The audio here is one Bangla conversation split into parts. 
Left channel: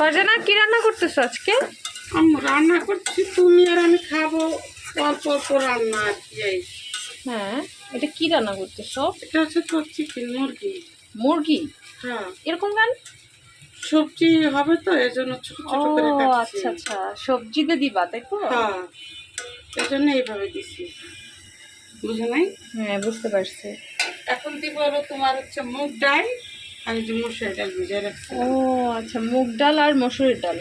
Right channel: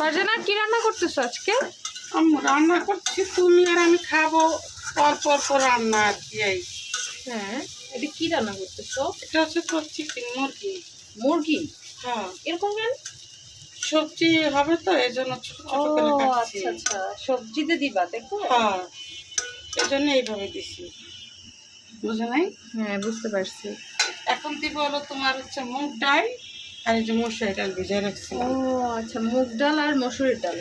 ফারজানা কি রান্না করতেছো আজকে? আমি রান্না করছি, তুমি আর আমি খাবো। অল্প অল্প রান্না আর কি। হ্যাঁ, এটা কি রান্না করতেছো? এটা হচ্ছে তো চিকেন, মুরগি। মুরগি? হ্যাঁ, এরকম কেন? সবজি হবে তো, এই জন্য ছোট ও ছোট করে কাটছি। আচ্ছা আচ্ছা, সবজিতে দিবা তাই তো? হ্যাঁ, এই জন্য এইভাবে দিছি, বুঝো নাই? হ্যাঁ, বুঝতে পারছি। এখন দিব হলো তোমার হচ্ছে মুগ ডাল আর এই যে মসুর ডাল ভিজিয়ে রাখছি। ও আচ্ছা, মুগ ডাল আর মসুরের ডাল।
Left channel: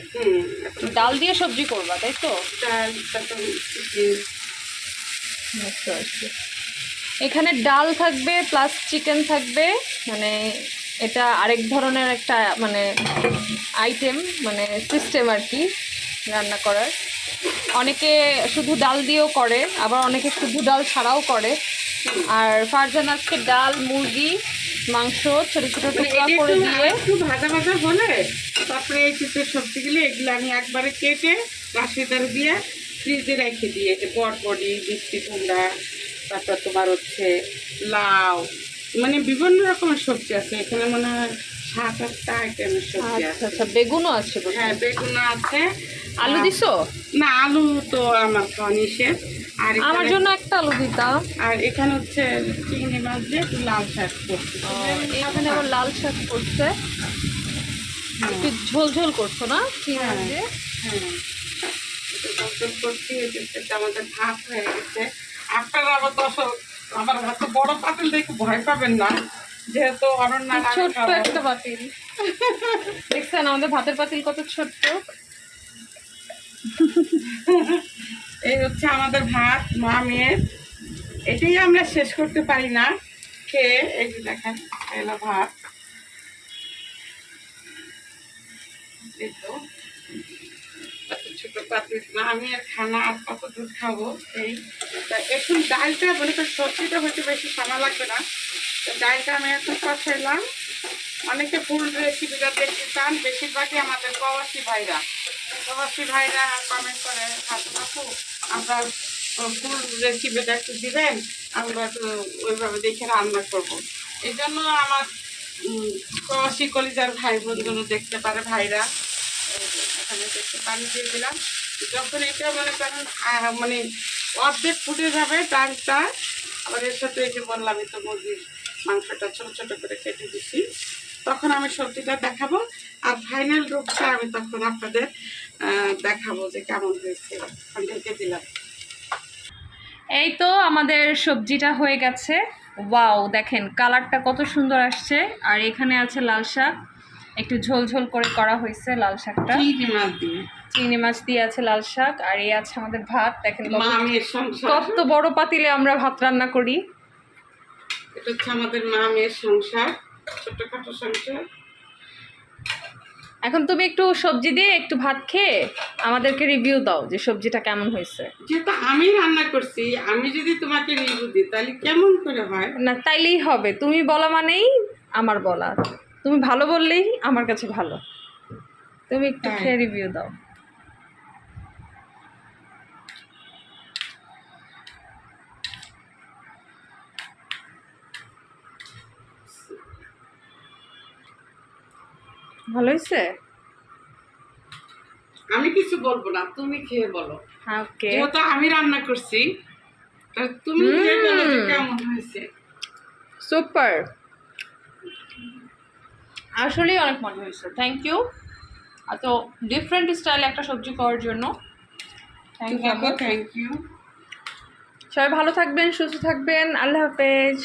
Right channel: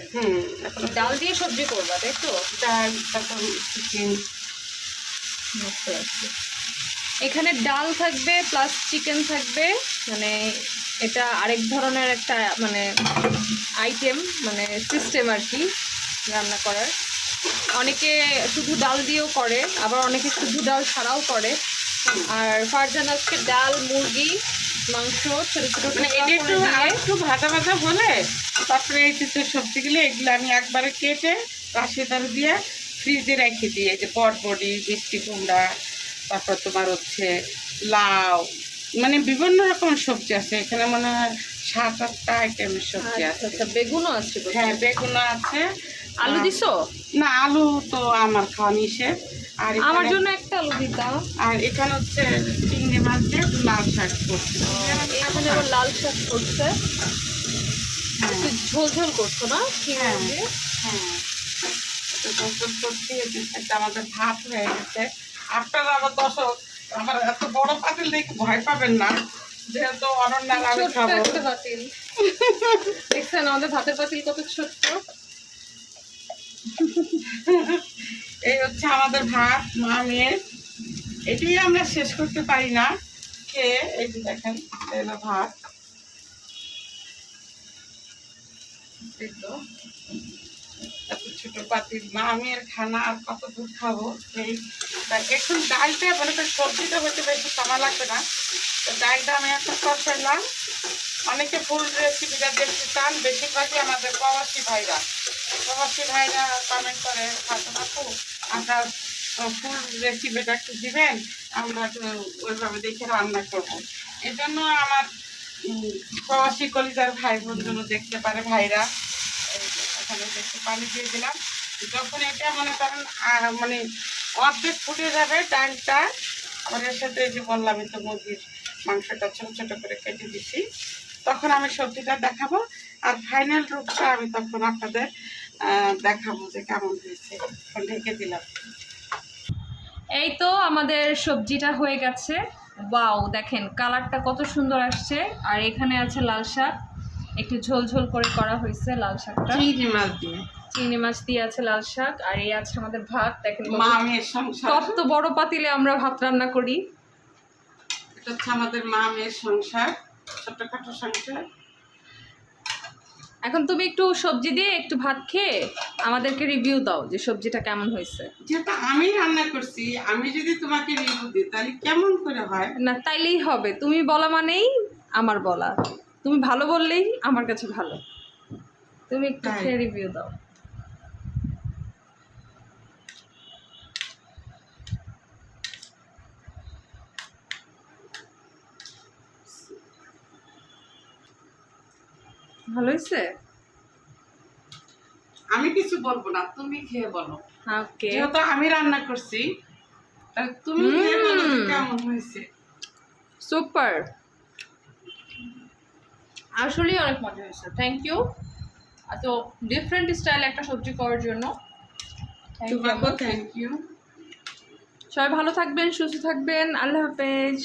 এখন ডাল দিয়ে সবজি করবা তাই তো? ডাল, তারপর চিকেন। বুঝতে পারছি। এখানে ডাল থাকবে প্লাস চিকেন থাকবে, মানে এটা আরেক ধরনের একটা মানে আইটেম, মানে সিস্টেম আর কি রান্না করার। অনেকে শুধু ডাল দিয়েও করে, আবার অনেকে শুধু ডাল ছাড়াও করে। আর ফারজান আজকে ডাল, মুরগি, মাংস ছোট ছোট টুকরা করে দিয়ে একটু ভাজা ভাজা হলে তারপরে এই যে সবজিগুলো এগুলো আমি একবারে কেটে রাশিদার দিয়ে ফ্রিজে রেখে দিয়ে, যে বটবডি, মিষ্টি কুমড়া, তারপর তোমার হচ্ছে লাউ, মানে বিভিন্ন রকমের সবজি আছে এখানে, মনে হয় 7-8টা আইটেমের সবজি আচ্ছা আছে। আচ্ছা, বেগুনও আছে বোধহয়। হ্যাঁ, বেগুন আছে। আলু দিছো? না, আলু তো আমার খাওয়া নিষেধ। আর আমার এখানে- জন্য একটা আলু দিতাম। আর এখানে হচ্ছে চিংড়ি মাছ দিয়ে একটু লাল শাক করছি। এখানে আবার লাল শাক করছে, হ্যাঁ একটু ঝোল ঝোল করছো না চিংড়ি হ্যাঁ দিয়ে? হ্যাঁ, গোসল করছি, এই যে সেটা আমাদের ভাত হয়ে গেছে। আপনারা আবার দর্শক আমার এত বড় পাতিল দেখে ভয় পাবেন না, যেহেতু অনন্যা আর আমি ছোট্ট খাবো। একটা পাতিল দেখছেন আমাদের ভাতের পাতিল কত ছোট্ট। এই হচ্ছে আমাদের ভাত, মা মেয়ের। এটাই আমরা শেষ করতে পারি না খেয়ে। এই যে দেখেন, এলো ভাত। এই তো এত ছোট পাতিল, মা মেয়ের খানা, আর কত দূর খাবো। এই তা এখন ডালটা মানে সবজিটা হয়তো বেশি সময় লাগবে না, তো ডালটা আমি এখন কষাইলাম। অনেকে ফুল রেসিপিটা দেখতে চান, বেশিরভাগই আমাদের প্রবাসী ভাইরা কমেন্ট করে, ফাতেমা আপু আপনার ফুল রেসিপিটা একটু দিবেন, আমরা একটু ওইভাবে দেখে রান্না করবো। এই জন্য আমার প্রবাসী কলিজার ভাই বোন জন্য দেখতে পারে ভাইরা। এই যে এখানে একটু পানি দিয়ে দিলাম। যখন এটা মনে করেন মানে অর্ধেক ফুটে যাবে ডালটা, আবার এর সাথে এই যে বললামই তো মুরগির মাংসটা ছোট ছোট করে কেটে দিছি, তখন আমি সবজিটা দেখাবো। আর ফাইনাল রূপটা আমি তখন আপনাদের দেখাবো যে কেমন হয়েছে। এখন ঢেকে দিলাম। এই তো আমাদের সবজিটা হয়ে গেছে। ওয়াও, দেখেন কালারটা কত সুন্দর আসছে। আর এখানে আছে লাল শাক, একটু ঝোল ঝোল করে করা হয়েছে লাল শাকটা। চিংড়ি মাছ দিয়ে, চিংড়ি মাছ দিয়ে আছে লাল শাক। আর এই আছে আমাদের ভাত, দেখেন মা মেয়ের সংসার। কত বড় পাতিলে আমরা ভাত রান্না করি। এটা হচ্ছে আমাদের মা মেয়ের সংসার, ছোটখাটো সংসার। এখন তুমি একটু সবজি দিয়ে একটু ভাত খেয়ে আমাদেরকে রিভিউ দাও যে সবজিটা কেমন হয়েছে। যেহেতু আমি রান্না করছি, আমি যদি তোমাকে রিভিউ দিই তাহলে কেমন করে হয়? না, তাইলেই হবে। তুমি বলা মানেই আমার বলা। তুমি ভালো বললেই আমার কাছে ভালো। তুমি একটু তাই। খেয়ে রিভিউ দাও। ভালো হয়েছে? আমি কিছু বলবো না, তুমি খেয়ে বলো। ওকে। যেহেতু আমি রান্না করছি, তাহলে তুমি খেয়ে বলো যে কেমন হয়েছে। সুপার, আসলেই অনেক মজা হয়েছে। থ্যাংক ইউ এত ডিফারেন্ট স্টাইল একটা সবজি করার জন্য। তোমাকেও থ্যাংক ইউ। সবাই ভালো থাকবেন, সুস্থ থাকবেন। আল্লাহ হাফেজ।